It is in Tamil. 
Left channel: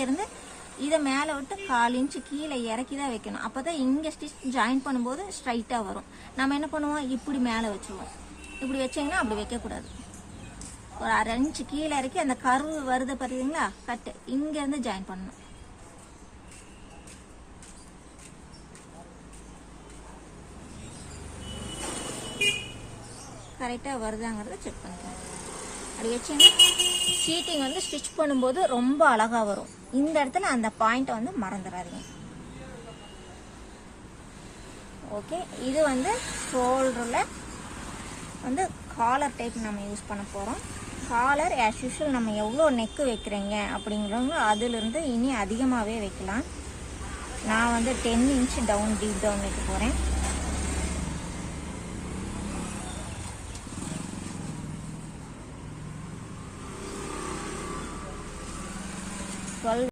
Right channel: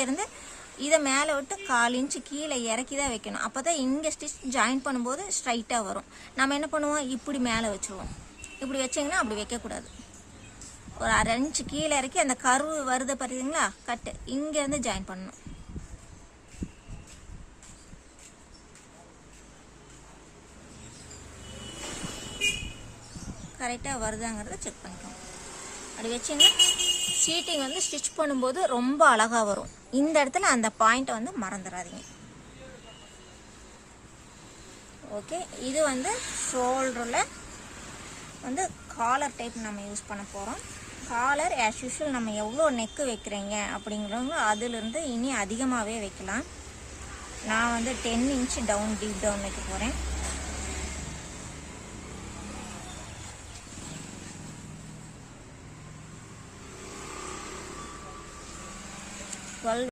இங்கேருந்து இதை மேலே விட்டு 1/4 இன்ச்சு கீழே இறக்கி தான் வைக்கணும். அப்போ தான் இங்கே ஸ்டிச் ஜாயின் பண்ணும்போது ஸ்ட்ரைட்டாக வரும். நம்ம என்ன பண்ணுவோம், இப்படி மேலே வச்சுருவோம். இப்படி வச்சிங்கன்னா அப்படி வைக்கக்கூடாது. ஒரு 1/2 இன்ச்சு கீழே இறக்கி அந்த கர்வு வருது பார்த்தீங்களா, கட்டு இங்கேருந்து ஜாயின் பண்ணணும். கரெக்டாக வருதாங்கிறத செக் பண்ணிக்கணும். அப்படி வச்சிங்கன்னா சீட்டிங் வந்து ஸ்டிச் பண்ணும்போது ரொம்ப அழகாக வரும். இந்த இடத்துல அந்த பாயிண்ட்டை வந்து மறந்துடாதீங்க. ஓகே, இது வந்து ஷோல்டரில் வந்து காலர் டைப் நம்ம யூஸ் பண்ண போகிறோம். காலர் ஆஸ் யூஷுவல் நம்ம எவ்வளோ நெக்கு வைக்கிறீங்க அப்படிங்கிறவங்க அதிலிருந்து இனி அதிகமாகவே வைக்கலாம். நான் வந்து 10 இன்ச் டவுன் டீப் டவுன் வைக்க போகிறேன்.